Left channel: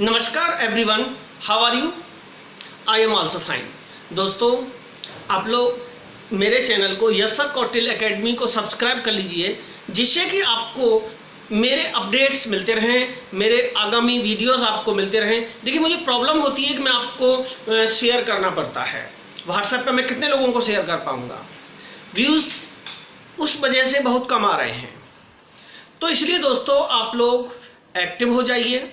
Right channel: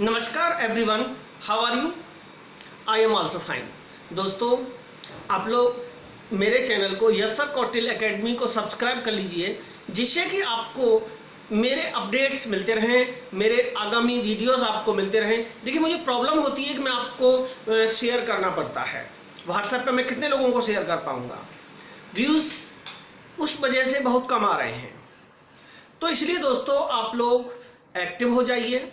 नमस्कार everyone, how are you? I am also fine. दोस्तों, आप लोग मेरे चैनल को यस सर कौटिल एकेडमी को सब्सक्राइब कर लीजिए, जिससे कि आपको मेरे अपडेट्स मिलते रहें, मेरे आगामी वीडियोस आपको मिलते रहें। देखिए, मुझे प्रॉब्लम होती है कि मैं आपको शेयर करना पड़ता है व्हाट्सएप पे। मैं कितने लोगों को शेयर कर पाऊँगा? व्यूज़ उस वजह से बहुत कम आ रहे हैं। तो इसलिए दोस्तों, आप लोग एक्टिव हो जाइए।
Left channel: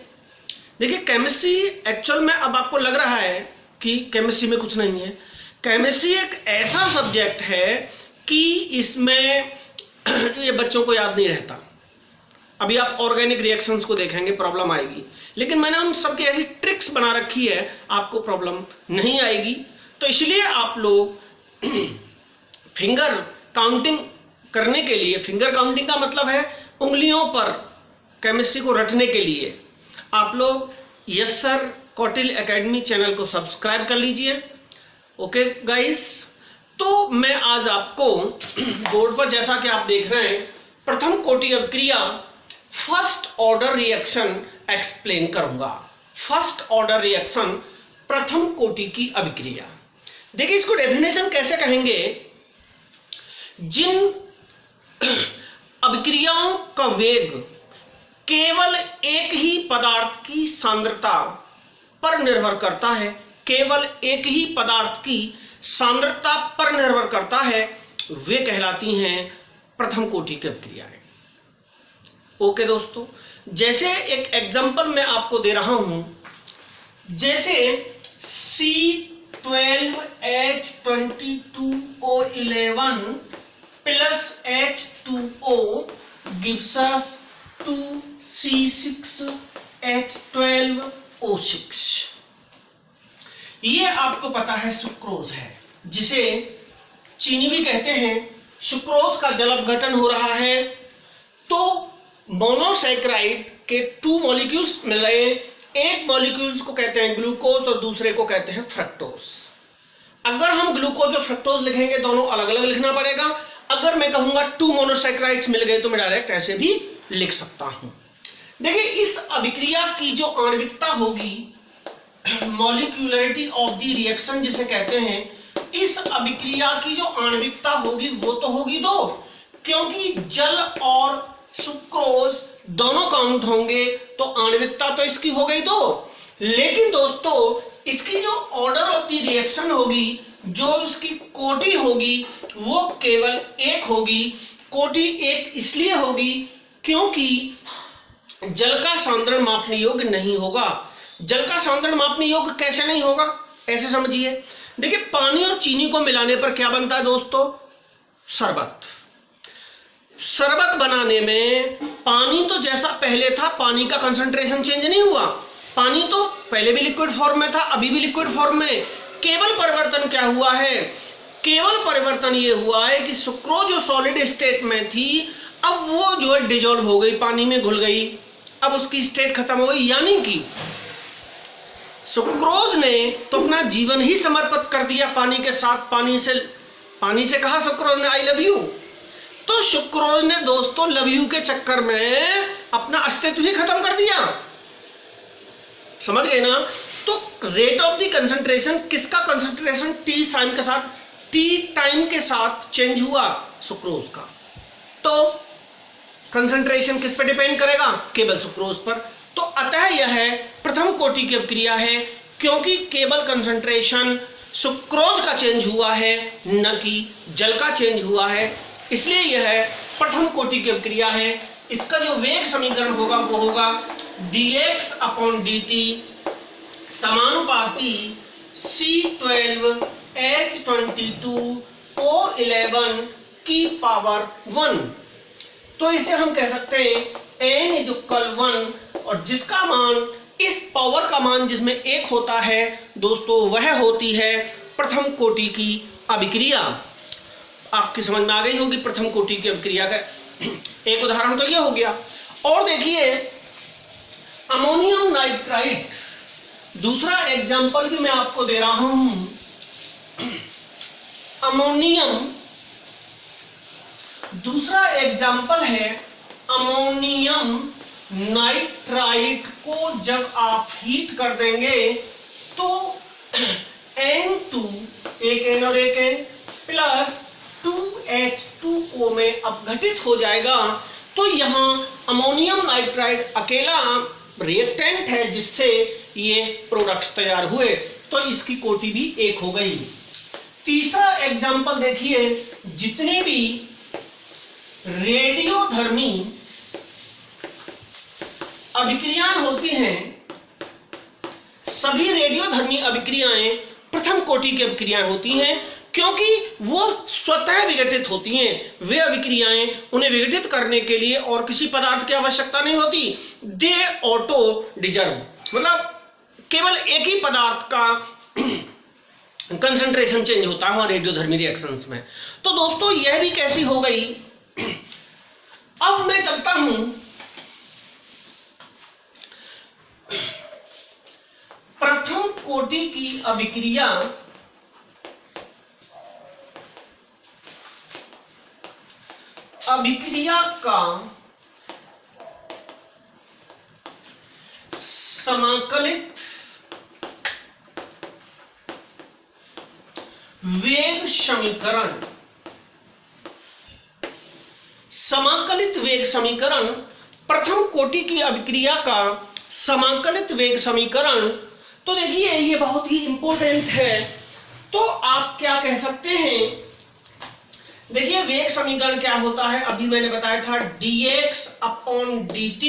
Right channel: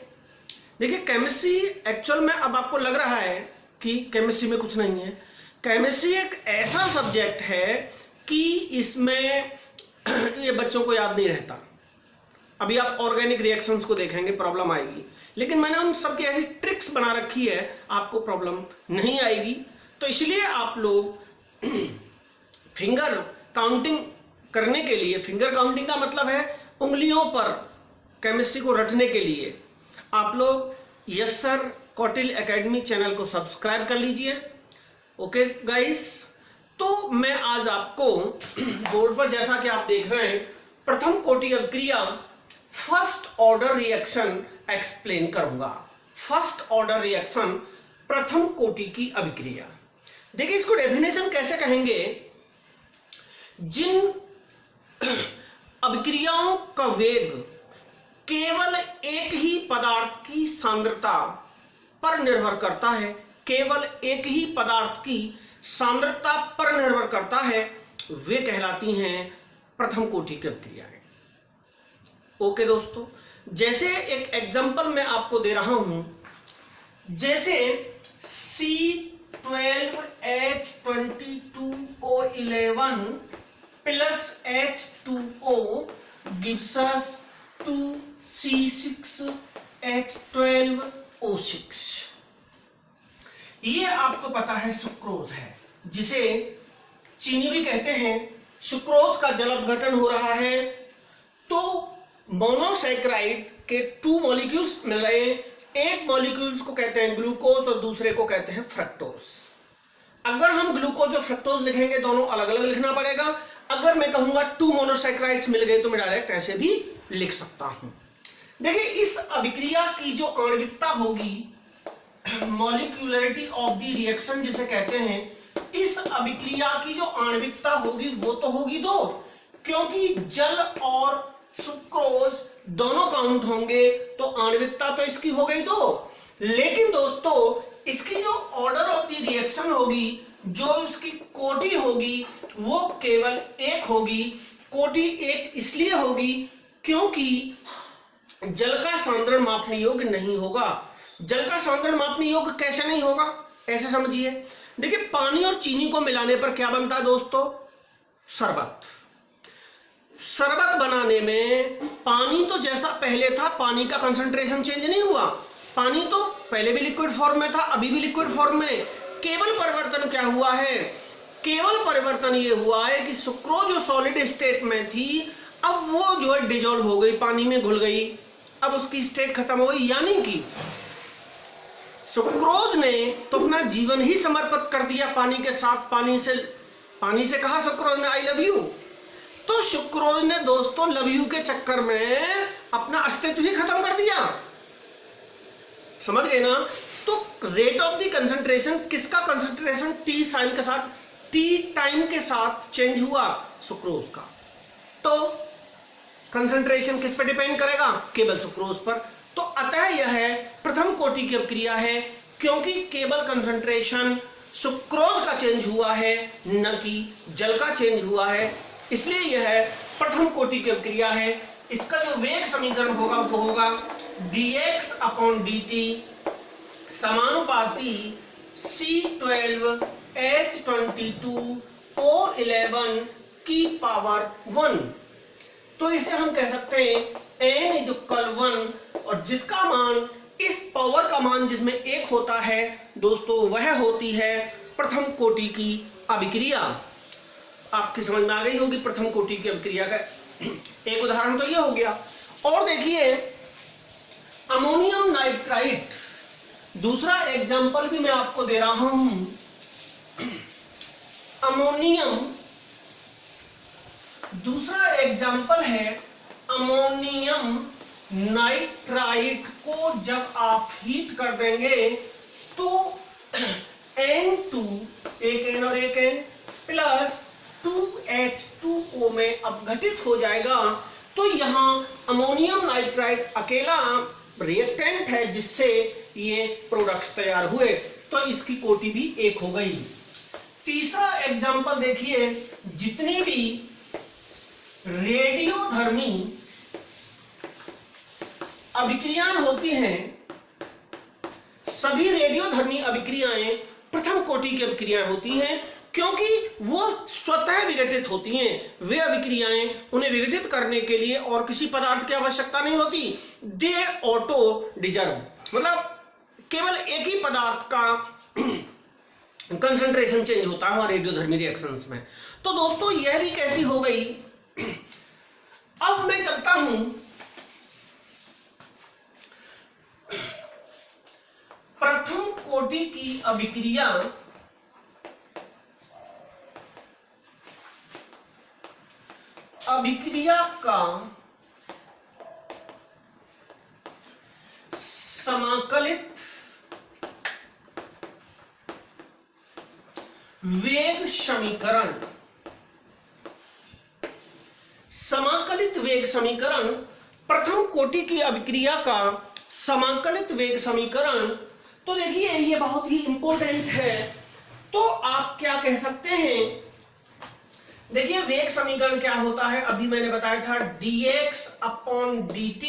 देखिए, केमिस्ट्री एक्चुअल में अब आपको लग रहा है कि केमिस्ट्री में कुछ नहीं है। केमिस्ट्री एक ऐसा सब्जेक्ट है कि इसमें ये बच्चों को याद नहीं रहता। अभी आप ऑर्गेनिक रिएक्शंस को देखेंगे, प्रॉब्लम आएगी, लेकिन मैंने उन सबकी ऐसी ट्रिक्स बना रखी है, आपको प्रॉब्लम नहीं आएगी। तो इसलिए आप लोग फिंगर काउंटिंग करने के लिए, फिंगर काउंटिंग का मतलब है उंगलियों पर केमिस्ट्री को रटने के लिए, आप लोग yes sir Kautil academy channel को सब्सक्राइब कर लीजिए। ओके गाइस, तो मैं आज आपको बोर्ड पर, जैसा कि आप देख रहे हैं, प्रथम कोटि अभिक्रिया फर्स्ट ऑर्डर रिएक्शन एक्सप्लेन करूंगा। फर्स्ट ऑर्डर रिएक्शन, प्रथम कोटि की अभिक्रिया। देखिए, इसको डेफिनेशन कैसे कहेंगे? जिन अभिक्रियाओं का वेग केवल एक ही पदार्थ की सांद्रता पर निर्भर करता है, केवल एक ही पदार्थ की सांद्रता पर निर्भर करता है, वे कहलाती हैं प्रथम कोटि की अभिक्रियाएं। ओके दोस्तों, जैसे एक एग्जांपल मैं आपको दे रहा हूं, जैसे C12H22O11 plus H2O gives us 2C6H12O6। ये आपको पता है सुक्रोज है, जिसे चीनी भी कहते हैं। सुक्रोज का जल अपघटन हो रहा है, तो मोनोसैकराइड के 2 मॉलिक्यूल्स मिल रहे हैं। एक मॉलिक्यूल्स को कहते हैं ग्लूकोज और दूसरे को कहते हैं फ्रक्टोज। अगर हम ग्लूकोज और फ्रक्टोज लिखेंगे, दोनों अलग अलग लिखना पड़ेगा। अगर मैं कहूंगा 2 मोनोसैकराइड्स मिल गए, तो मैं डायरेक्ट ऐसे भी लिख सकता हूं। देखिए, इस अभिक्रिया की जो आणविकता होगी, मॉलिक्यूलरिटी ऑफ द रिएक्शन जिसे कहते हैं, इस अभिक्रिया की जो आणविकता होगी वो तो होगी 2, क्योंकि जल और सुक्रोज दोनों काउंट होंगे, तो आणविकता तो इसकी हो गई 2। लेकिन दोस्तों, इसकी जो ऑर्डर ऑफ द रिएक्शन होगी, जो इसकी कोटि होगी, वो केवल 1 होगी। कोटि 1 इसलिए होगी क्योंकि जल का सांद्रण मापने योग्य नहीं होगा। जल का सांद्रण मापने योग्य कैसे नहीं होगा? ऐसे समझिए। देखिए, पानी और चीनी को मिलाने पर क्या बनता है दोस्तों? शरबत। शरबत बनाने में पानी तो जैसा पहले था, पानी का कंसंट्रेशन चेंज नहीं हुआ। पानी तो पहले भी लिक्विड फॉर्म में था, अभी भी लिक्विड फॉर्म में। केवल परिवर्तन क्या हुआ है? केवल परिवर्तन ये हुआ है कि सुक्रोज जो सॉलिड स्टेट में थी, अब वो जो है डिजोल्व हो गई, पानी में घुल गई, अब उसकी स्टेट खत्म हो गई। यानी कि सुक्रोज ने तो अपना जीवन ही समर्पित कर दिया पानी के साथ। पानी से कहा सुक्रोज ने आई लव यू, तो सुक्रोज ने दोस्तों लव यू के चक्कर में अपना अस्तित्व ही खत्म कर दिया। समझ गए ना? तो रेट ऑफ द कंसंट्रेशन, किसका कंसंट्रेशन टी टाइम के साथ चेंज हुआ? सुक्रोज का। तो कंसंट्रेशन किस पर डिपेंड करेगा? केवल सुक्रोज पर। तो अतः यह प्रथम कोटि की अभिक्रिया है, क्योंकि केवल कंसंट्रेशन सुक्रोज का चेंज हुआ है, न कि जल का चेंज हुआ है। इसलिए यह प्रथम कोटि की अभिक्रिया है। इसका जो वेग समीकरण होगा वो होगा dx/dt समानुपाती C12H22O11 की पावर 1। तो इसे हम कह सकते हैं n = 1, और जिसका मान, इस पावर का मान जिसमें 1 होता है दोस्तों, वह होती है प्रथम कोटि की अभिक्रिया। आपकी समझ में आ गई होगी प्रथम कोटि की अभिक्रिया का एक उदाहरण तो यह हो गया। और देखिए, अमोनियम नाइट्राइट, दूसरा एग्जांपल भी मैं आपको दे रहा हूं। अमोनियम, दूसरा एग्जांपल है अमोनियम नाइट्राइट को जब आप हीट कर देंगे तो N2, एक N और एक N प्लस 2H2O में अपघटित हो जाएगा। तो यहाँ अमोनियम नाइट्राइट अकेला रिएक्टेंट है जिससे ये प्रोडक्ट्स तैयार हुए, तो इसकी कोटि भी 1 हो गई। तीसरा एग्जांपल देखिए, जितनी भी रेडियोधर्मी अभिक्रियाएं होती हैं, सभी रेडियोधर्मी अभिक्रियाएं प्रथम कोटि की अभिक्रियाएं होती हैं, क्योंकि वो स्वतः विघटित होती हैं। वे अभिक्रियाएं, उन्हें विघटित करने के लिए और किसी पदार्थ की आवश्यकता नहीं होती। दे ऑटो डिजर्व, मतलब केवल एक ही पदार्थ का कंसंट्रेशन चेंज होता है रेडियोधर्मी रिएक्शंस में। तो दोस्तों यह भी कैसी हो गई। अब मैं चलता हूं प्रथम कोटि की अभिक्रिया का समाकलित वेग समीकरण। समाकलित वेग समीकरण, प्रथम कोटि की अभिक्रिया का समाकलित वेग समीकरण। तो देखिए ये बहुत ही इंपॉर्टेंट है। तो आप क्या कह सकते हैं, देखिए वेग समीकरण क्या होता है, अभी मैंने बताया था dx अपॉन dt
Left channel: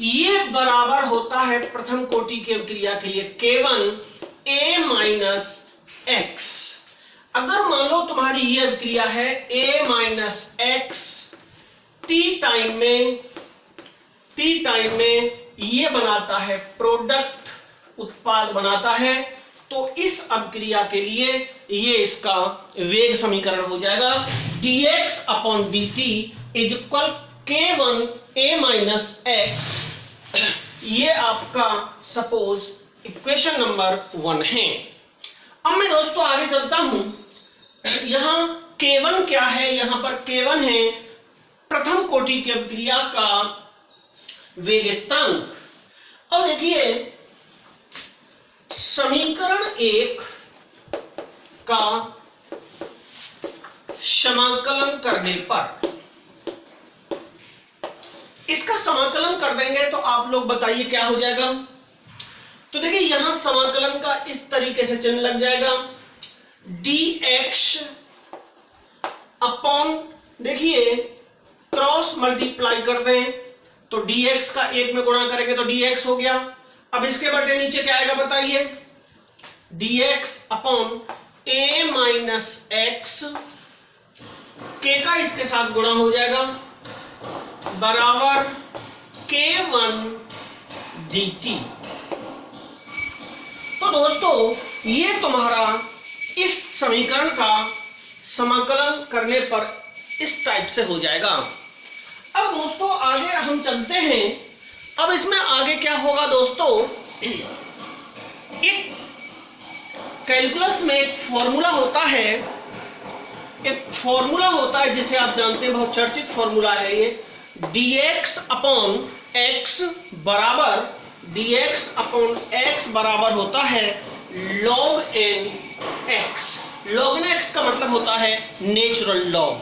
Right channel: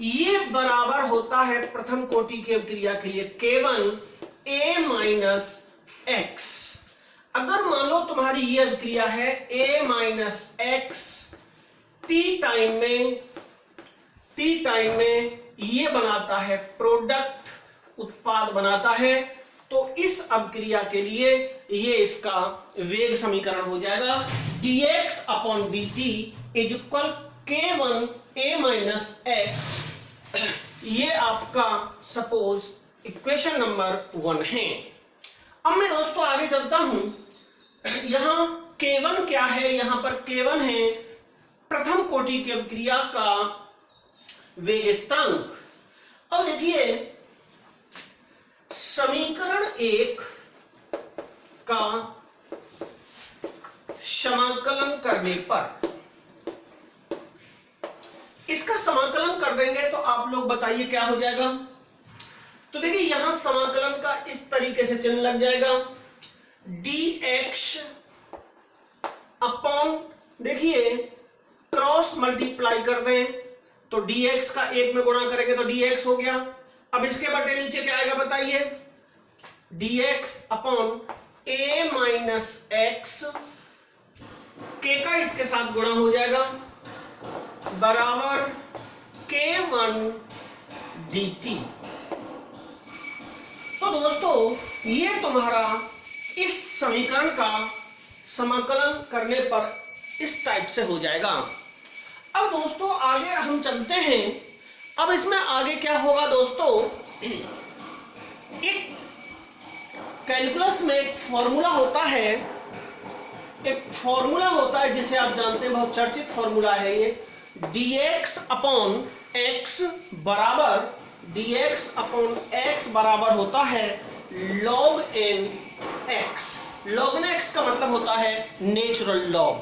ये बराबर होता है प्रथम कोटि की अभिक्रिया के लिए K1 a माइनस x। अगर मान लो तुम्हारी ये अभिक्रिया है a minus x, t time में ये बनाता है प्रोडक्ट, उत्पाद बनाता है, तो इस अभिक्रिया के लिए ये इसका वेग समीकरण हो जाएगा dx upon dt is equal K1 a minus x। ये आपका सपोज इक्वेशन नंबर 1 है। अब मैं दोस्तों आगे चलता हूं। यहां K1 क्या है, यहां पर K1 है प्रथम कोटि की अभिक्रिया का वेग स्थिरांक। अब देखिए समीकरण 1 का समाकलन करने पर, इसका समाकलन कर देंगे तो आप लोग बताइए क्या हो जाएगा। तो देखिए यहां समाकलन का इस तरीके से चिन्ह लग जाएगा dx अपॉन, देखिए क्रॉस मल्टीप्लाई कर दें तो dx का 1 में गुणा करेंगे तो dx हो गया। अब इसके बटे नीचे क्या आएगा बताइए, dx upon a minus x, k का इसके साथ गुणा हो जाएगा बराबर K1 dt। तो दोस्तों ये तुम्हारा इस समीकरण का समाकलन करने पर इस टाइप से हो जाएगा। अब दोस्तों आगे हम चलते हैं। अब इसमें आगे क्या होगा दोस्तों, एक कैलकुलस में एक फॉर्मूला होता है, जिसे आप जानते हैं, बहुत चर्चित फॉर्मूला है ये, dx अपॉन x बराबर होता है log n x। log n x का मतलब होता है नेचुरल लॉग।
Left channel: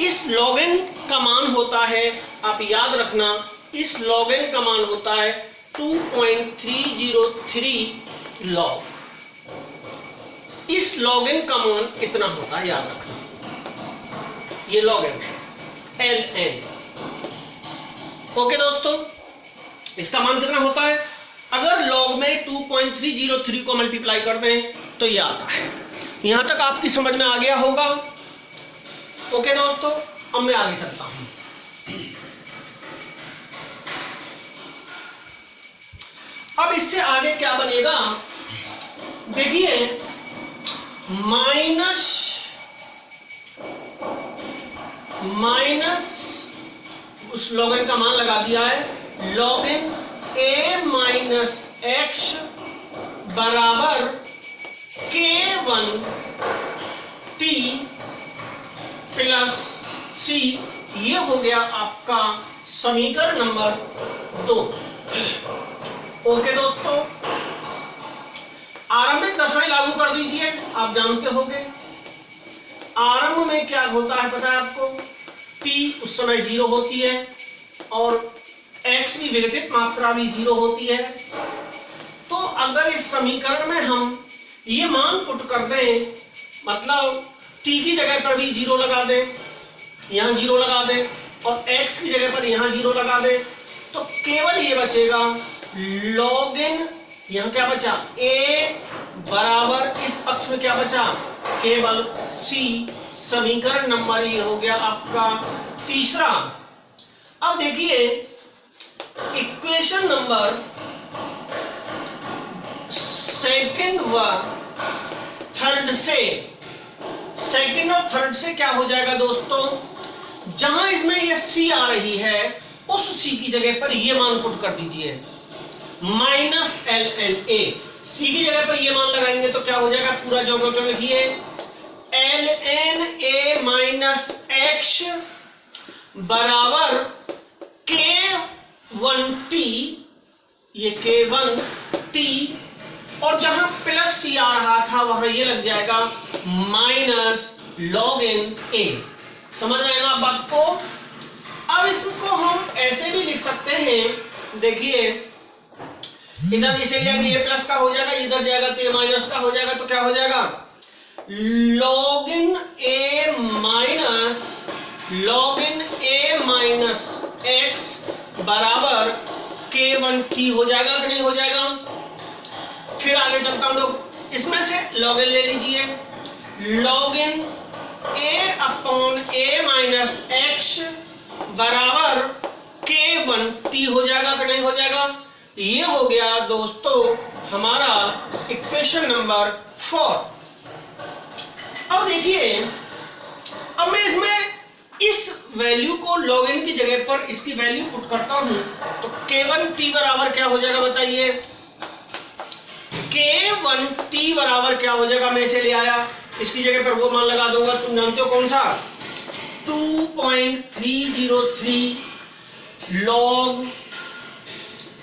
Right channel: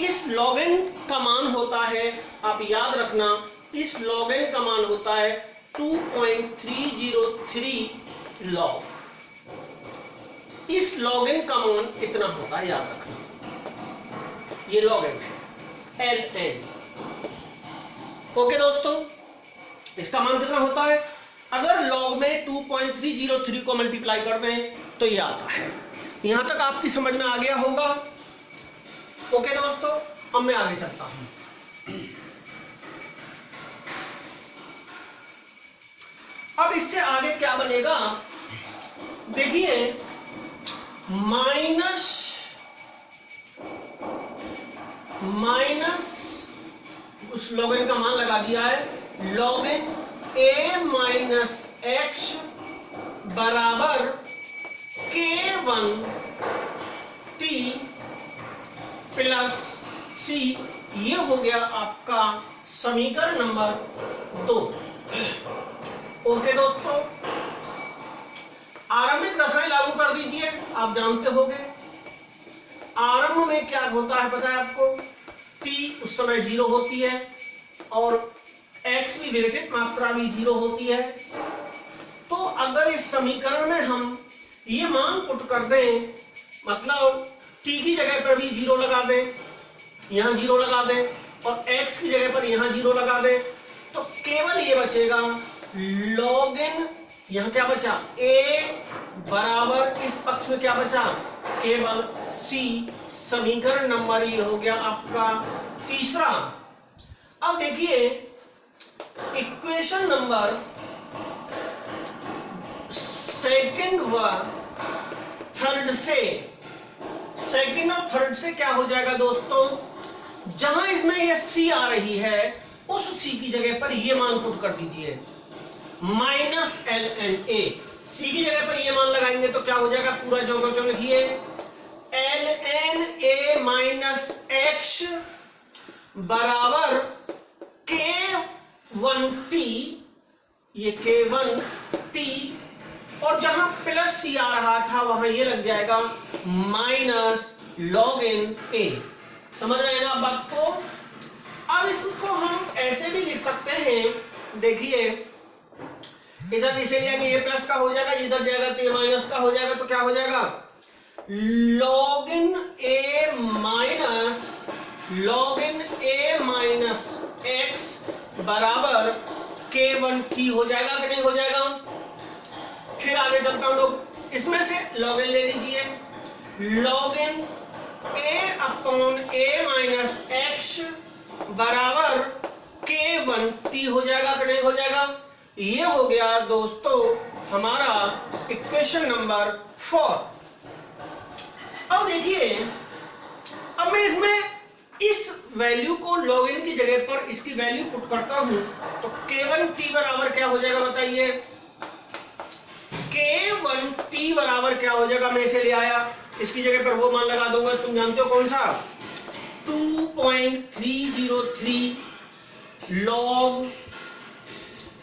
इस log n का मान होता है, आप याद रखना, इस log n का मान होता है 2.303 log। इस log n का मान कितना होता है याद रखना, ये log n है ln। ओके दोस्तों, इसका मान कितना होता है, अगर log में 2.303 को मल्टीप्लाई कर दें तो ये आता है। यहां तक आपकी समझ में आ गया होगा। ओके दोस्तों, अब मैं आगे चलता हूं। अब इससे आगे क्या बनेगा, देखिए माइनस उस log n का मान लगा दिया है, log n a minus x बराबर K1 t प्लस c ये हो गया आपका समीकरण नंबर 2। ओके दोस्तों, आरंभिक दशाएं लागू कर दीजिए। आप जानते होंगे आरंभ में क्या होता है, पता है आपको, t उस समय 0 होती है और x की विघटित मात्रा भी 0 होती है। तो अगर इस समीकरण में हम ये मान पुट कर दें, मतलब t की जगह पर भी 0 लगा दें, यहाँ 0 लगा दें और x की जगह पर यहाँ 0 लगा दें, तो केवल ये बचेगा log n, यहाँ क्या बचा, a बराबर इस पक्ष में क्या बचा, केवल c। समीकरण नंबर ये हो गया आपका तीसरा। अब देखिए इक्वेशन नंबर सेकंड व थर्ड से, सेकंड और थर्ड से क्या हो जाएगा दोस्तों, जहां इसमें ये c आ रही है उस c की जगह पर ये मान पुट कर दीजिए, माइनस ln a। c की जगह पर ये मान लगाएंगे तो क्या हो जाएगा, पूरा जो लिखिए ln a माइनस x बराबर k1t, ये k1t, और जहां प्लस c आ रहा था वहां ये लग जाएगा माइनस log n a। समझ रहे हैं ना आप बात को। अब इसको हम ऐसे भी लिख सकते हैं, देखिए इधर इसे लिया कि ये प्लस का हो जाएगा, इधर जाएगा तो ये माइनस का हो जाएगा, तो क्या हो जाएगा log n a minus x बराबर k1t हो जाएगा कि नहीं हो जाएगा। फिर आगे चलता हूं लोग, इसमें से log n ले लीजिए, log n a upon a minus x बराबर k1t हो जाएगा कि नहीं हो जाएगा। ये हो गया दोस्तों हमारा इक्वेशन नंबर 4। अब देखिए, अब मैं इसमें इस वैल्यू को log n की जगह पर इसकी वैल्यू पुट करता हूं तो k1t बराबर क्या हो जाएगा बताइए, k1t बराबर क्या हो जाएगा, मैं इसे ले आया, इसकी जगह पर वो मान लगा दूंगा, तुम जानते हो कौन सा, 2.303 log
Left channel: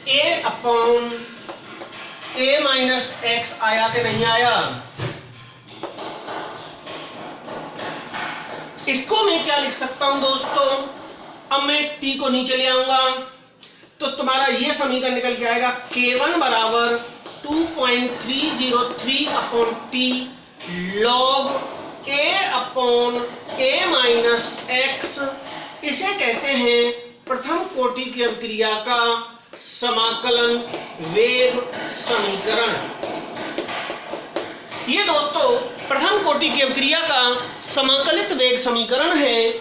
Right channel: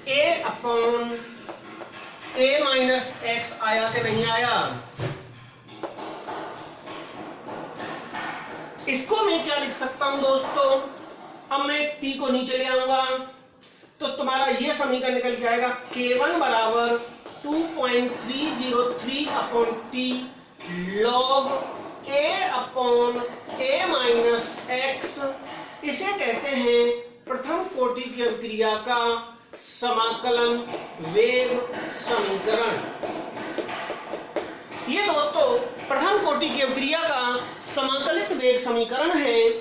a upon a minus x आया कि नहीं आया। इसको मैं क्या लिख सकता हूं दोस्तों, अब मैं t को नीचे ले आऊंगा तो तुम्हारा ये समीकरण निकल के आएगा k1 बराबर 2.303 upon t log a upon a minus x। इसे कहते हैं प्रथम कोटि की अभिक्रिया का समाकलन वेग समीकरण। ये दोस्तों प्रथम कोटि की अभिक्रिया का समाकलित वेग समीकरण है।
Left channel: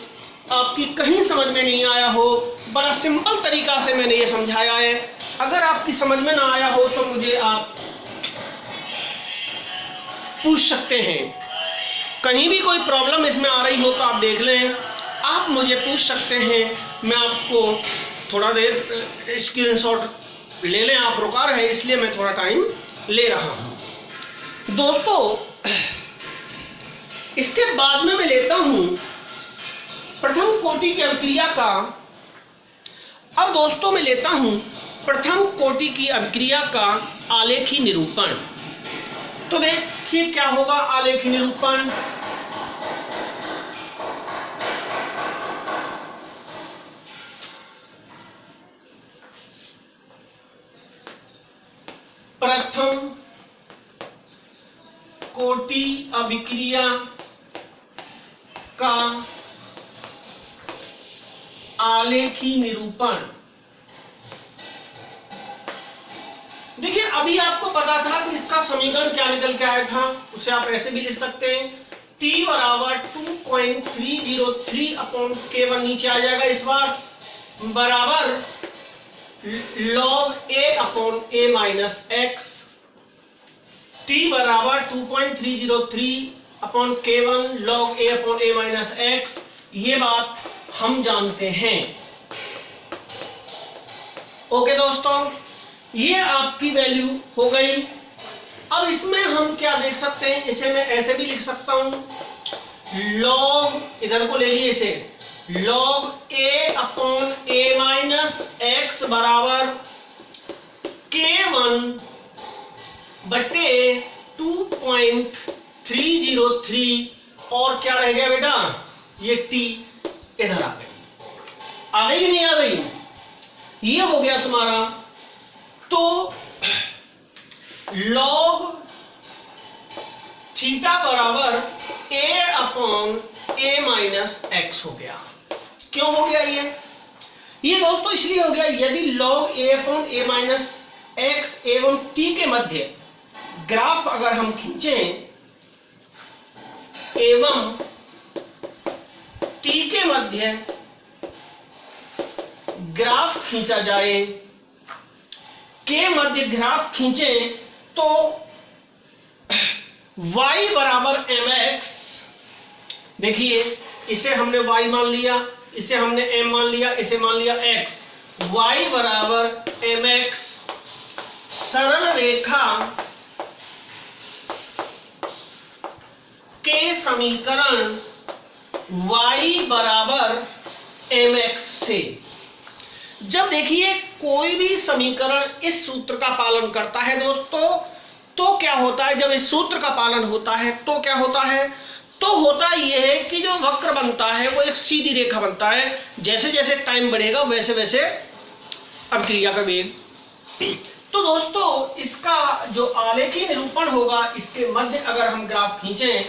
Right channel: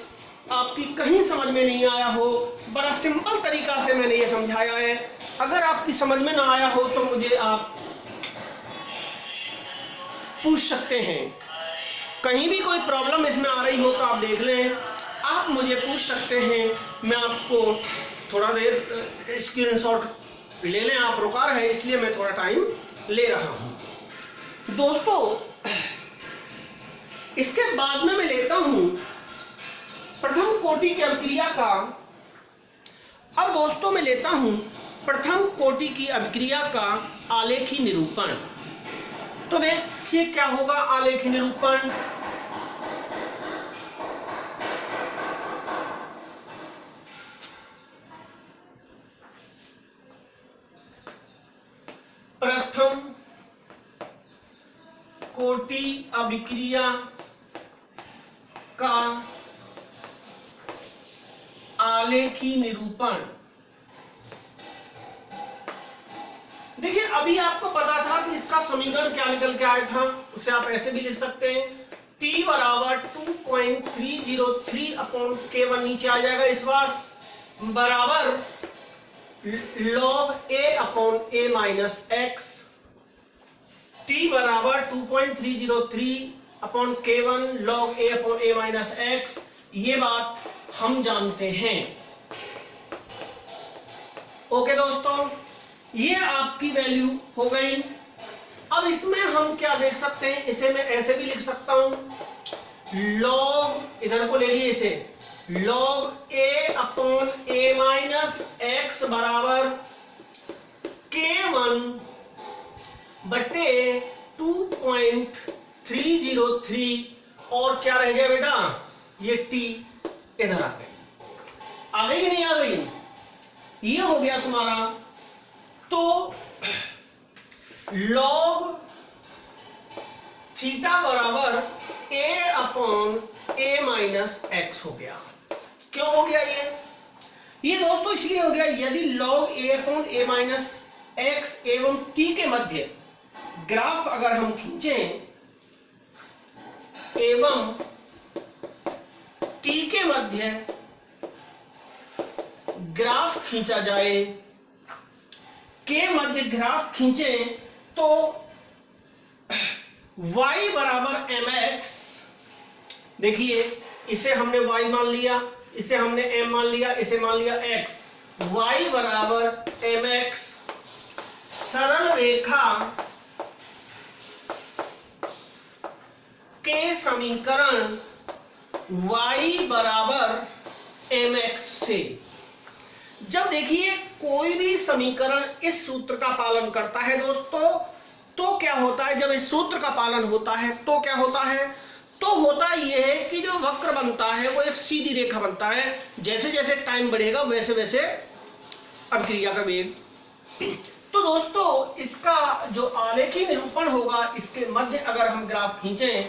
आपकी कहीं समझ में नहीं आया हो, बड़ा सिंपल तरीका से मैंने ये समझाया है। अगर आपकी समझ में ना आया हो तो मुझे आप पूछ सकते हैं, कहीं भी कोई प्रॉब्लम इसमें आ रही हो तो आप देख लें, आप मुझे पूछ सकते हैं, मैं आपको थोड़ा देर स्क्रीनशॉट ले लें, आप रुका रहे इसलिए मैं थोड़ा टाइम ले रहा हूं। दोस्तों इसके बाद में मैं लेता हूं प्रथम कोटि की अभिक्रिया का। अब दोस्तों मैं लेता हूं प्रथम कोटि की अभिक्रिया का आलेखी निरूपण। तो देखिए क्या होगा आलेखी निरूपण। प्रथम कोटि अभिक्रिया का आलेखी निरूपण। देखिए अभी आपको पता था कि इसका समीकरण क्या निकल के आया था, उसे आप ऐसे भी लिख सकते हैं, t बराबर 2.303 अपॉन k1 नीचे आ जाएगा इस बार, बराबर log a upon a minus x। t बराबर 2.303 upon k1 log a upon a minus x। ये बात हम जानते हैं। ओके दोस्तों, ये आपकी वैल्यू हो गई। अब इसमें हम क्या देख सकते हैं, इसे मैं ऐसे भी लिख सकता हूं, log, इधर को ले लिए इसे, लॉग ए अपॉन ए माइनस एक्स बराबर K1 बटे 2.303 और क्या रह गया बेटा, ये t इधर आ गई, आ गई नहीं आ गई, ये हो गया तुम्हारा। तो लॉग थीटा बराबर a upon a minus x हो गया। क्यों हो गया ये दोस्तों इसलिए हो गया, यदि log a upon a minus x एवं t के मध्य ग्राफ अगर हम खींचें एवं t के मध्य ग्राफ खींचा जाए, के मध्य ग्राफ खींचें तो y बराबर mx, देखिए इसे हमने y मान लिया, इसे हमने m मान लिया, इसे मान लिया x, y बराबर mx, सरल रेखा के समीकरण y बराबर mx से, जब देखिए कोई भी समीकरण इस सूत्र का पालन करता है दोस्तों, तो क्या होता है, जब इस सूत्र का पालन होता है तो क्या होता है, तो होता यह है कि जो वक्र बनता है वो एक सीधी रेखा बनता है, जैसे जैसे टाइम बढ़ेगा वैसे वैसे अभिक्रिया का वेग। तो दोस्तों इसका जो आलेखी निरूपण होगा, इसके मध्य अगर हम ग्राफ खींचें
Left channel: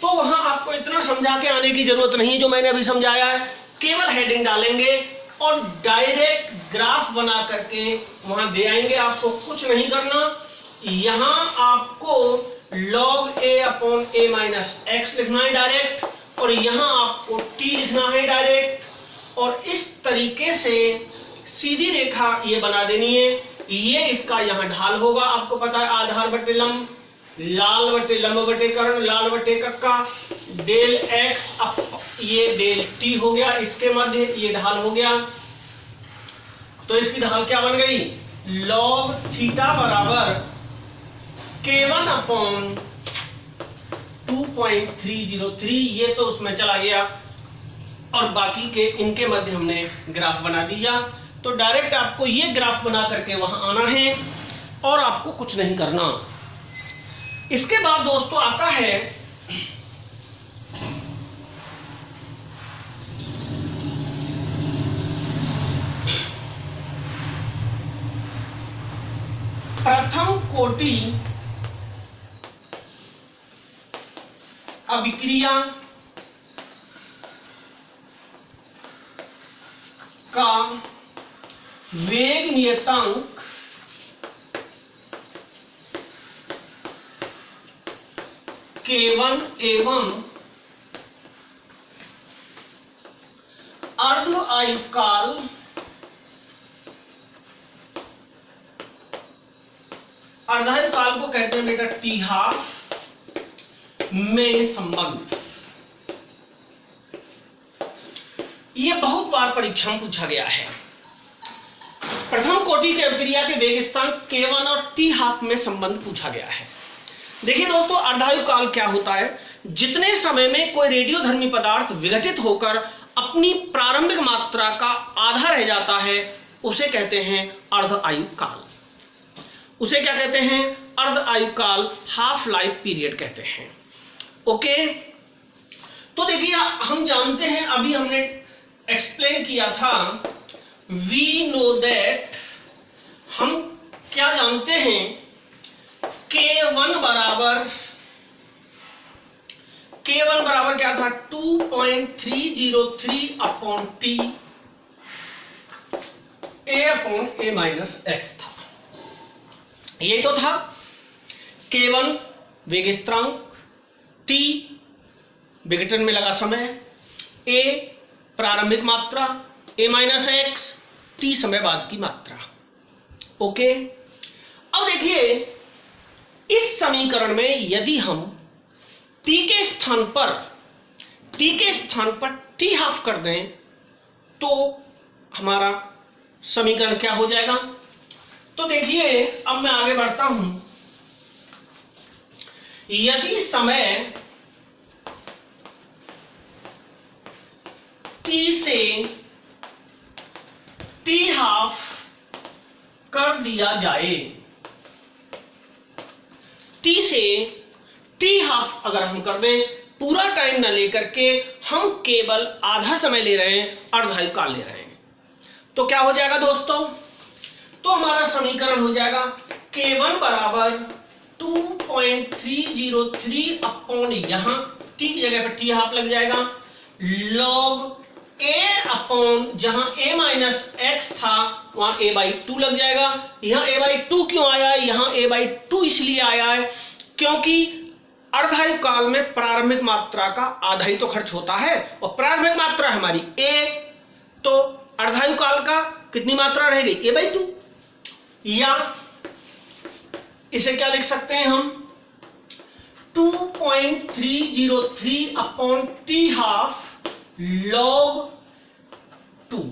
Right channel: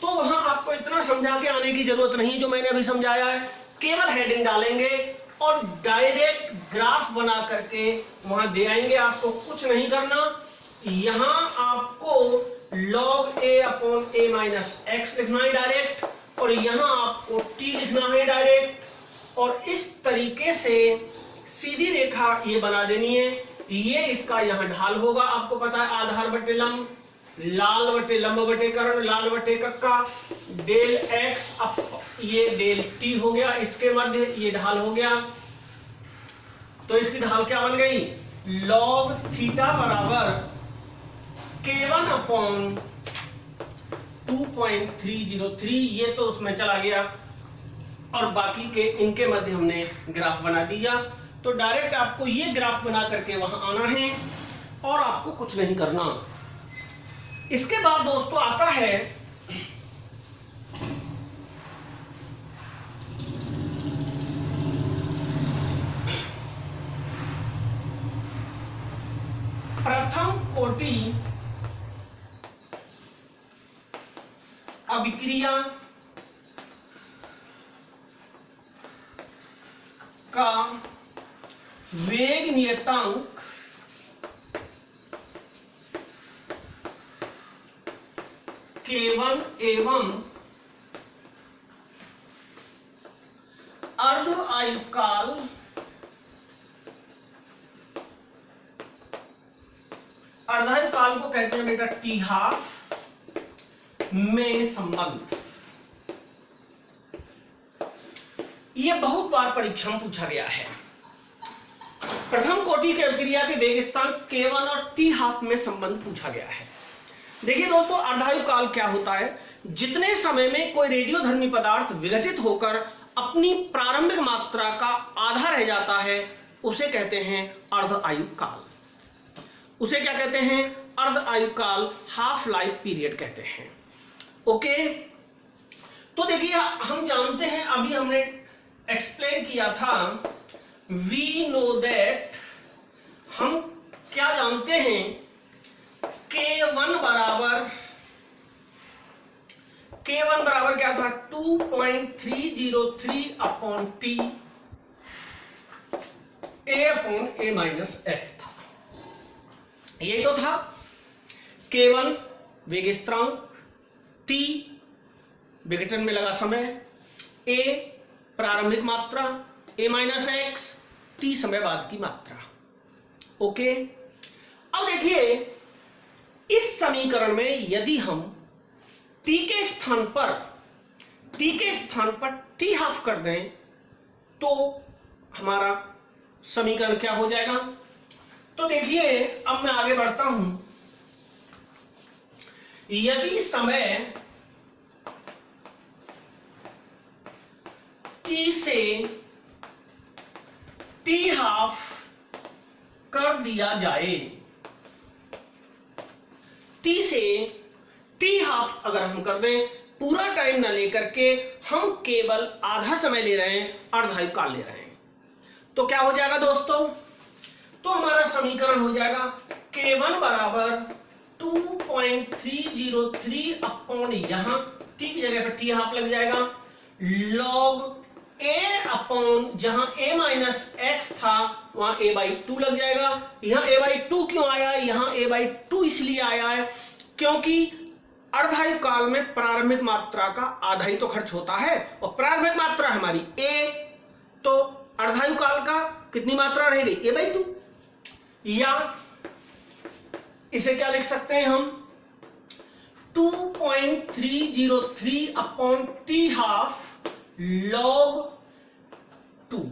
तो वहां आपको इतना समझा के आने की जरूरत नहीं है जो मैंने अभी समझाया है, केवल हेडिंग डालेंगे और डायरेक्ट ग्राफ बना करके वहां दे आएंगे, आपको कुछ नहीं करना। यहां आपको log a upon a minus x लिखना है डायरेक्ट, और यहां आपको t लिखना है डायरेक्ट, और इस तरीके से सीधी रेखा ये बना देनी है। ये इसका यहां ढाल होगा, आपको पता है आधार बटे लंब, लाल बटे लंब बटे कर्ण, लाल बटे कक्का, डेल एक्स अप ये डेल टी हो गया, इसके मध्य ये ढाल हो गया। तो इसकी ढाल क्या बन गई, लॉग थीटा बराबर K1 अपॉन 2.303, ये तो उसमें चला गया और बाकी के इनके मध्य हमने ग्राफ बना दिया। तो डायरेक्ट आपको ये ग्राफ बना करके वहां आना है और आपको कुछ नहीं करना। इसके बाद दोस्तों आता है प्रथम कोटि अभिक्रिया का वेग नियतांक K1 एवं अर्ध आयुकाल अर्धायुकाल को कहते हैं बेटा टी हाफ में संबंध। यह बहुत बार परीक्षा में पूछा गया है। प्रथम कोटि के अभिक्रिया के वेग स्थान K1 और टी हाफ में संबंध पूछा गया है। देखिए दोस्तों अर्धायुकाल क्या होता है, जितने समय में कोई रेडियोधर्मी पदार्थ विघटित होकर अपनी प्रारंभिक मात्रा का आधा रह जाता है उसे कहते हैं अर्ध आयुकाल। उसे क्या कहते हैं, अर्ध आयुकाल, हाफ लाइफ पीरियड कहते हैं। ओके, तो देखिए हम जानते हैं, अभी हमने एक्सप्लेन किया था, वी नो दैट, हम क्या जानते हैं, K1 बराबर क्या था, 2.303 upon T a upon a minus x था। ये तो था K1 वेग स्थिरांक, t विघटन में लगा समय, a प्रारंभिक मात्रा, a माइनस एक्स t समय बाद की मात्रा। ओके, अब देखिए इस समीकरण में यदि हम t के स्थान पर t हाफ कर दें तो हमारा समीकरण क्या हो जाएगा। तो देखिए अब मैं आगे बढ़ता हूं, यदि समय t से t हाफ कर दिया जाए। t से t हाफ अगर हम कर दें, पूरा टाइम ना लेकर के हम केवल आधा समय ले रहे हैं, अर्धायुकाल ले रहे हैं, तो क्या हो जाएगा दोस्तों? तो हमारा समीकरण हो जाएगा k1 बराबर 2.303 अपॉन, यहां t की जगह पर t हाफ लग जाएगा, log a अपॉन, जहां a माइनस x था वहां a बाई 2 लग जाएगा। यहां a बाई 2 क्यों आया है? यहां a बाई 2 इसलिए आया है क्योंकि अर्धायुकाल में प्रारंभिक मात्रा का आधा ही तो खर्च होता है, और प्रारंभिक मात्रा हमारी a, तो अर्धायुकाल का कितनी मात्रा रह गई? a by 2। या इसे क्या लिख सकते हैं हम? 2.303 upon t half log 2,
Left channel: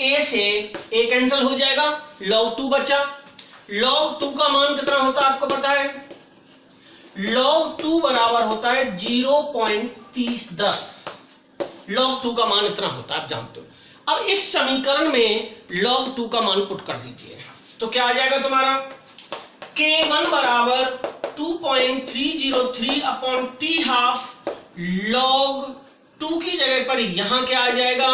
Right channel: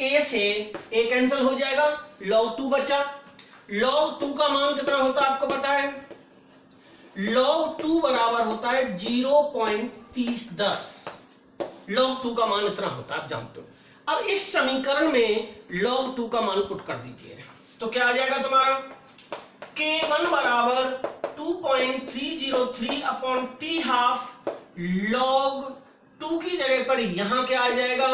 a से a कैंसिल हो जाएगा, log 2 बचा। log 2 का मान कितना होता है आपको पता है? log 2 बराबर होता है 0.3010। log 2 का मान इतना होता है, आप जानते हो। अब इस समीकरण में log 2 का मान पुट कर दीजिए, तो क्या आ जाएगा तुम्हारा? k1 बराबर 2.303 अपॉन t हाफ log 2 की जगह पर यहां क्या आ जाएगा?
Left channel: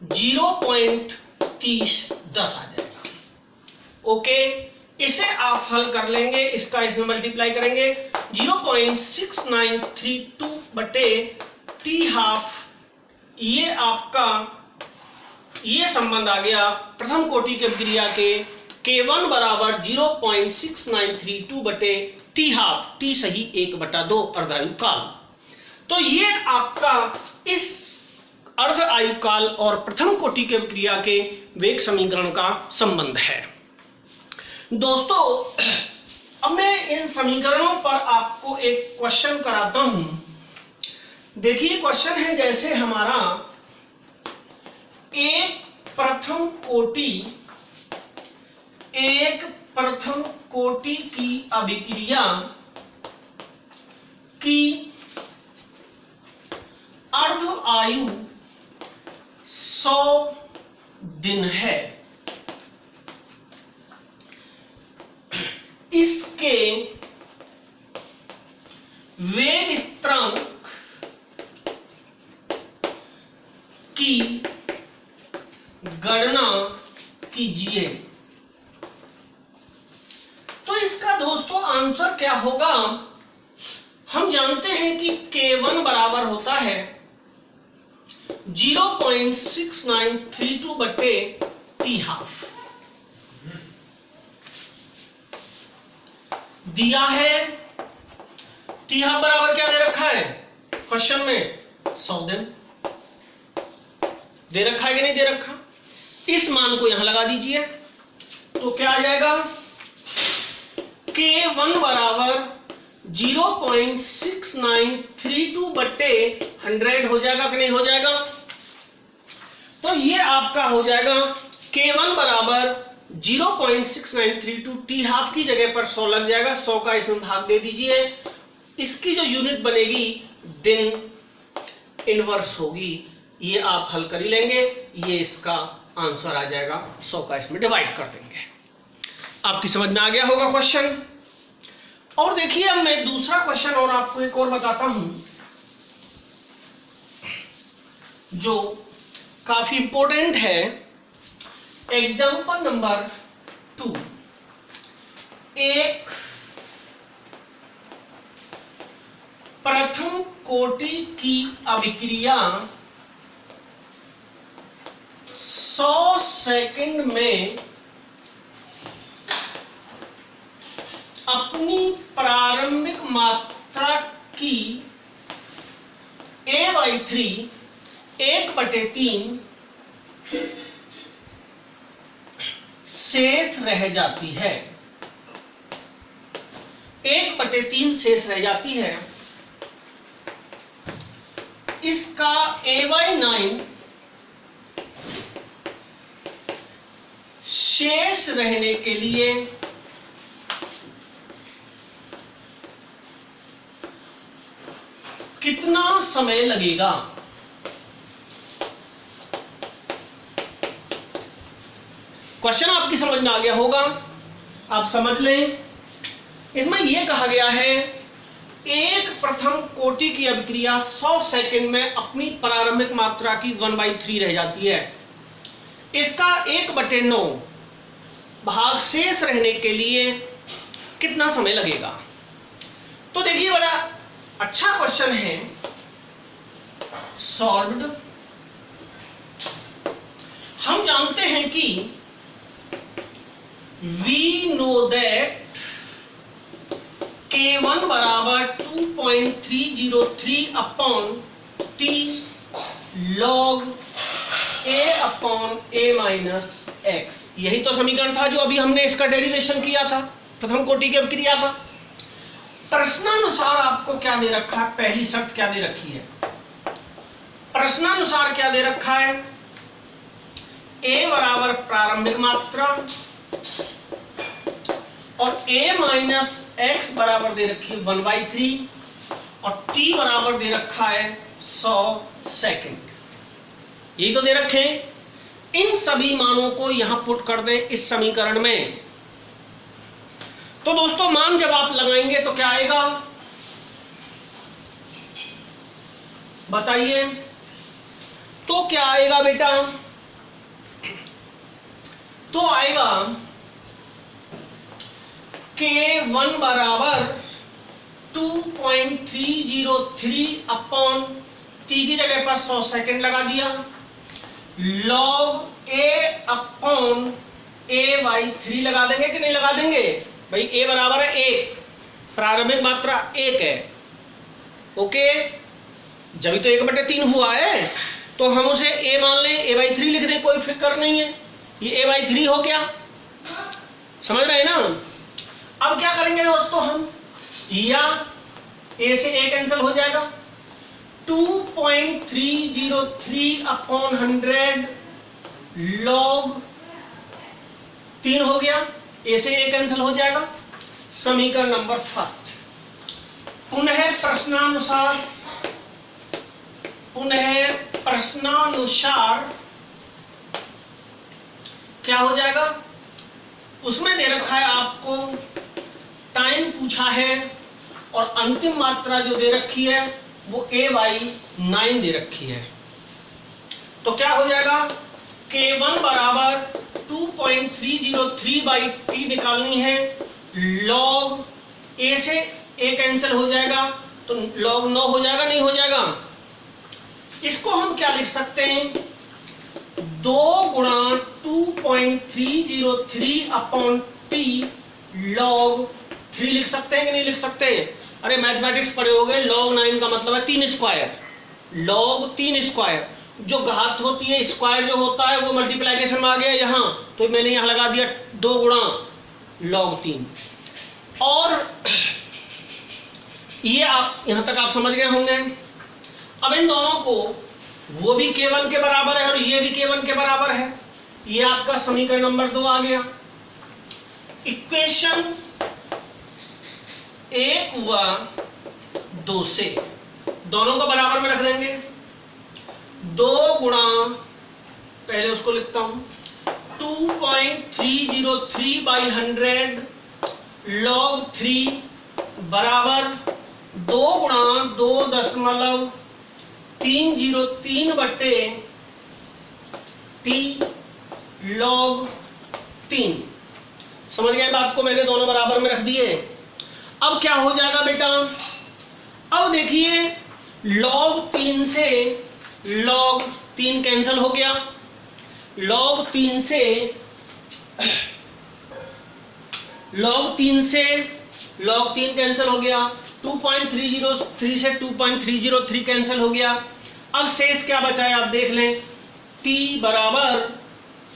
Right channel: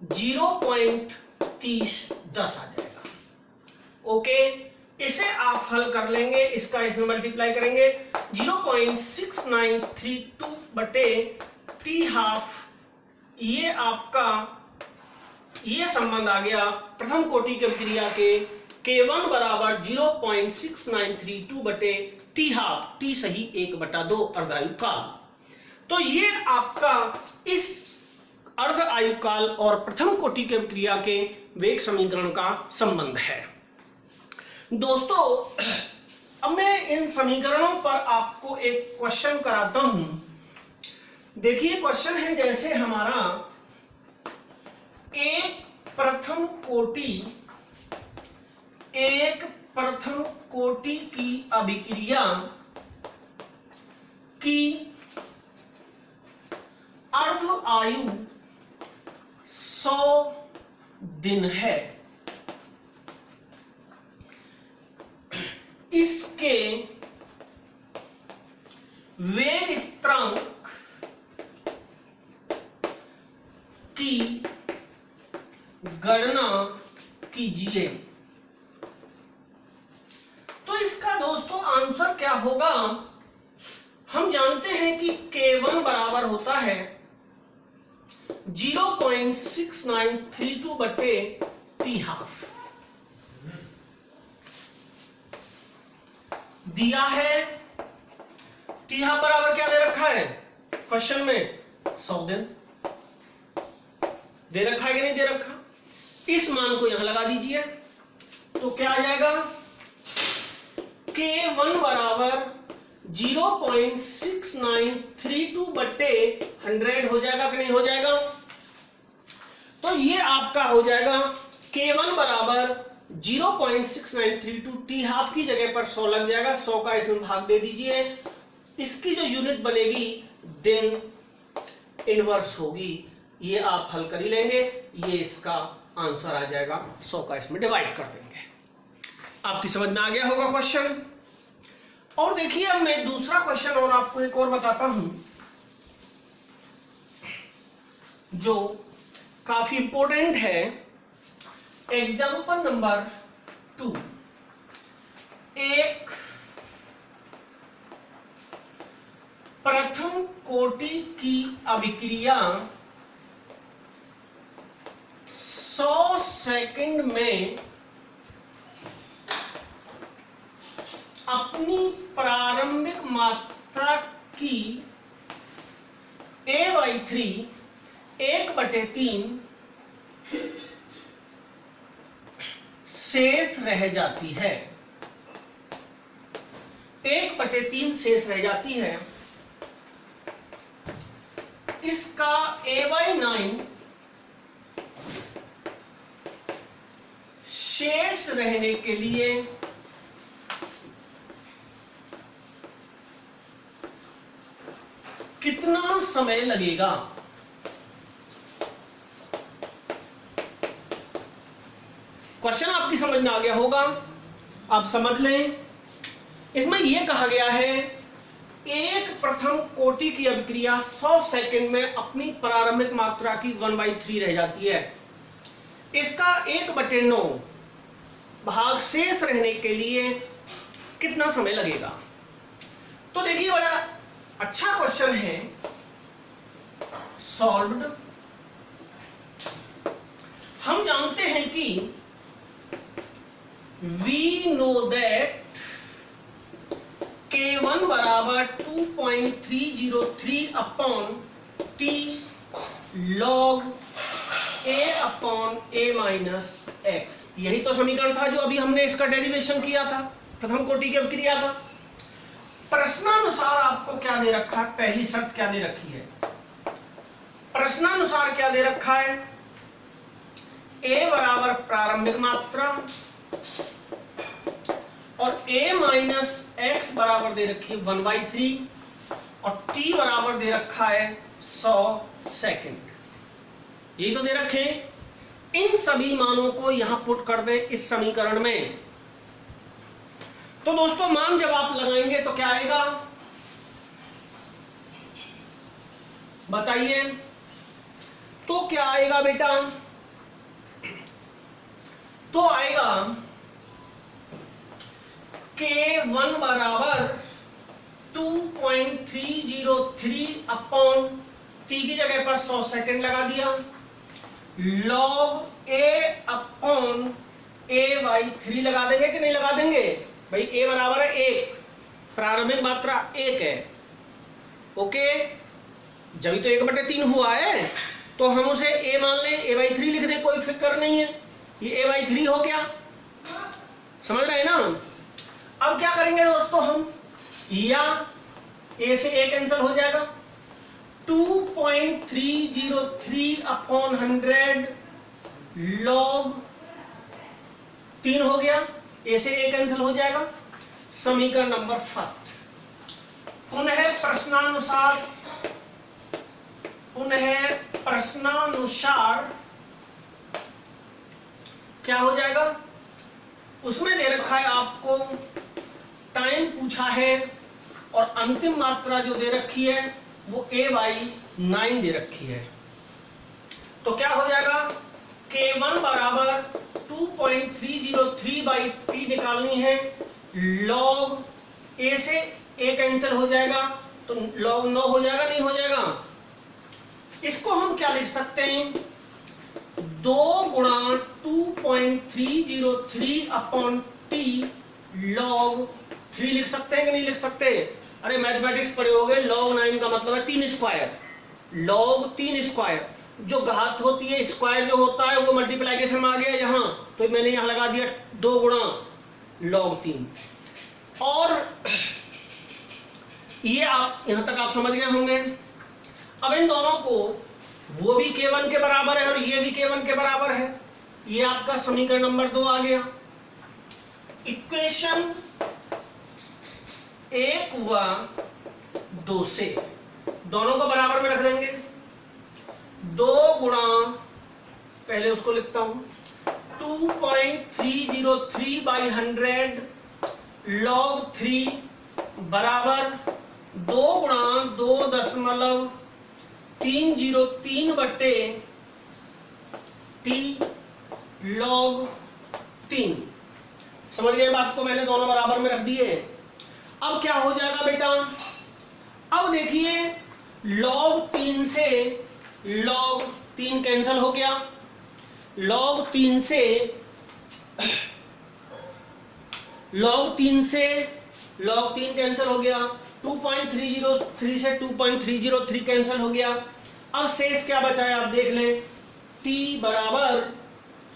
0.3010 आ जाएगा। ओके, इसे आप हल कर लेंगे, इसका इसमें मल्टीप्लाई करेंगे, 0.6932 बटे t हाफ, ये आपका ये संबंध आ गया प्रथम कोटि की अभिक्रिया के k1 बराबर 0.6932 बटे t हाफ, t सही 1/2 अर्धायुकाल। तो ये आपका इस अर्ध आयुकाल और प्रथम कोटि की अभिक्रिया के वेग समीकरण का संबंध है। दोस्तों, अब मैं इन समीकरणों पर आपको एक क्वेश्चन कराता हूं। देखिए, क्वेश्चन है जैसे हमारा एक प्रथम कोटि की अभिक्रिया की अर्ध आयु 100 दिन है। इसके वेग स्थिरांक की गणना कीजिए। तो इसका दोस्तों आंसर क्या होगा? हम जानते हैं कि k1 बराबर होता है 0.6932 बटे t हाफ। दिया है t हाफ बराबर क्या दे रखा है क्वेश्चन में? 100 दिन दे रखा है कि नहीं दे रखा? इस मान को यहां लगा दीजिए, तो क्या आ जाएगा? k1 बराबर 0.6932 बटे 100 हो जाएगा कि नहीं हो जाएगा? तो ये आपका हो जाएगा k1 बराबर 0.6932, t हाफ की जगह पर 100 लग जाएगा, 100 का इसमें भाग दे दीजिए। इसकी जो यूनिट बनेगी दिन इनवर्स होगी, ये आप हल कर ही लेंगे, ये इसका आंसर आ जाएगा। 100 का इसमें डिवाइड कर देंगे। आपकी समझ में आ गया होगा क्वेश्चन। और देखिए, अब मैं दूसरा क्वेश्चन और आपको एक और बताता हूं जो काफी इंपॉर्टेंट है। एग्जाम्पल नंबर 2, एक प्रथम कोटि की अभिक्रिया 100 सेकंड में अपनी प्रारंभिक मात्रा की a/3 1/3 शेष रह जाती है। 1/3 शेष रह जाती है। इसका a/9 शेष रहने के लिए कितना समय लगेगा? क्वेश्चन आपकी समझ में आ गया होगा, आप समझ लें। इसमें यह कहा गया है एक प्रथम कोटि की अभिक्रिया 100 सेकंड में अपनी प्रारंभिक मात्रा की 1/3 रह जाती है। इसका 1/9 भाग शेष रहने के लिए कितना समय लगेगा? तो देखिए बड़ा अच्छा क्वेश्चन है। सॉल्व्ड। हम जानते हैं कि वी नो दैट K1 बराबर 2.303 upon T log A upon A minus x. यही तो समीकरण था जो अभी हमने इसका डेरिवेशन किया था प्रथम कोटि की अभिक्रिया का। प्रश्नानुसार आपको क्या दे रखा है? पहली शर्त क्या दे रखी है? प्रश्नानुसार क्या दे रखा है? A बराबर प्रारंभिक मात्रा और A माइनस एक्स बराबर दे रखी है 1/3 और T बराबर दे रखा है 100 सेकंड। यही तो दे रखे हैं। इन सभी मानों को यहां पुट कर दें इस समीकरण में। तो दोस्तों मान जब आप लगाएंगे तो क्या आएगा बताइए? तो क्या आएगा बेटा? तो आएगा K1 बराबर 2.303 अपॉन T की जगह पर 100 सेकंड लगा दिया, log A अपॉन A/3 लगा देंगे कि नहीं लगा देंगे? भाई A बराबर है 1, प्रारंभिक मात्रा 1 है। ओके, जब तो 1/3 हुआ है तो हम उसे A मान लें, A/3 लिख दें, कोई फिक्र नहीं है। ये A/3 हो गया, समझ रहे हैं ना? अब क्या करेंगे दोस्तों हम? या A से A कैंसिल हो जाएगा, 2.303 अपॉन 100 log 3 हो गया, A से A कैंसिल हो जाएगा। समीकरण नंबर फर्स्ट। पुनः प्रश्नानुसार क्या हो जाएगा? उसमें दे रखा है आपको टाइम पूछा है और अंतिम मात्रा जो दे रखी है वो A/9 दे रखी है। तो क्या हो जाएगा? K1 बराबर 2.303/T निकालनी है, log A से A कैंसिल हो जाएगा तो log 9 हो जाएगा, नहीं हो जाएगा? इसको हम क्या लिख सकते हैं? 2 गुणा 2.303 अपॉन T log 3 लिख सकते हैं कि नहीं लिख सकते? अरे मैथमेटिक्स पढ़े होगे, log 9 का मतलब है 3 स्क्वायर, log 3 स्क्वायर। जो घात होती है, स्क्वायर जो होता है वो मल्टीप्लाइकेशन में आ गया यहाँ, तो मैंने यहाँ लगा दिया 2 गुणा log 3। और ये आप यहां तक आप समझ गए होंगे। अब इन दोनों को, वो भी K1 के बराबर है और ये भी K1 के बराबर है, ये आपका समीकरण नंबर 2 आ गया। इक्वेशन 1 व 2 से दोनों को बराबर में रख देंगे। 2 गुणा, पहले उसको लिखता हूं, 2.303/100 log 3 बराबर 2 गुणा 2.303/T log 3। समझ गए बात को? मैंने दोनों बराबर में रख दिए। अब क्या हो जाएगा बेटा? अब देखिए, log 3 से log 3 कैंसिल हो गया, log 3 से log 3 कैंसिल हो गया, 2.303 से 2.303 कैंसिल हो गया। अब शेष क्या बचा है आप देख लें। T बराबर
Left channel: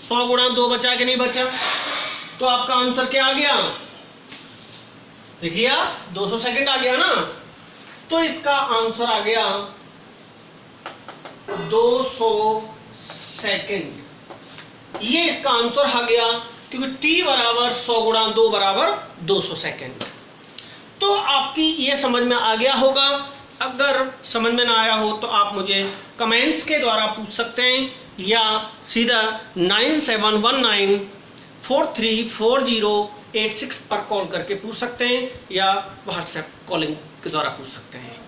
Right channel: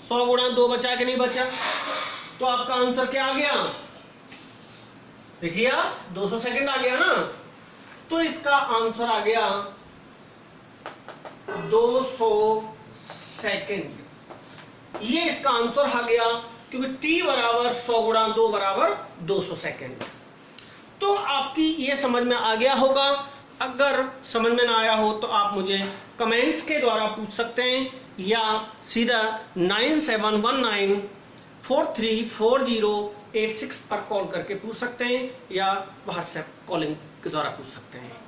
100 गुणा 2 बचा कि नहीं बचा? तो आपका आंसर क्या आ गया? देखिए आप, 200 सेकंड आ गया ना, तो इसका आंसर आ गया 200 सेकंड। ये इसका आंसर आ गया, क्योंकि T बराबर 100 गुणा 2 बराबर 200 सेकंड। तो आपकी ये समझ में आ गया होगा। अगर समझ में ना आया हो तो आप मुझे कमेंट्स के द्वारा पूछ सकते हैं, या सीधा 9719 434086 पर कॉल करके पूछ सकते हैं या व्हाट्सएप कॉलिंग के द्वारा पूछ सकते हैं।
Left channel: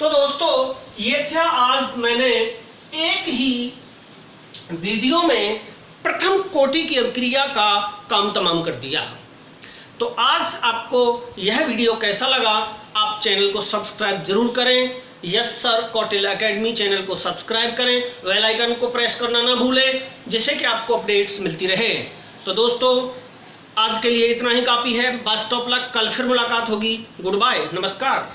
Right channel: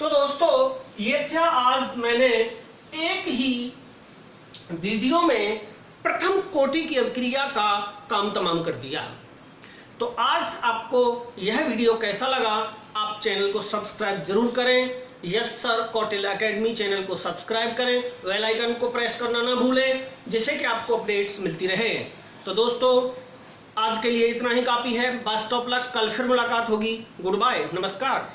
तो दोस्तों, ये था आज मैंने एक ही वीडियो में प्रथम कोटि की अभिक्रिया का काम तमाम कर दिया। तो आज आपको यह वीडियो कैसा लगा? आप चैनल को सब्सक्राइब जरूर करें। Yes sir Kautilya academy channel को सब्सक्राइब करें, बेल आइकन को प्रेस करना ना भूलें, जिससे कि आपको अपडेट्स मिलती रहे। तो दोस्तों, आज के लिए इतना ही काफ़ी है। बेस्ट ऑफ लक, कल फिर मुलाकात होगी। गुड बाय, नमस्कार।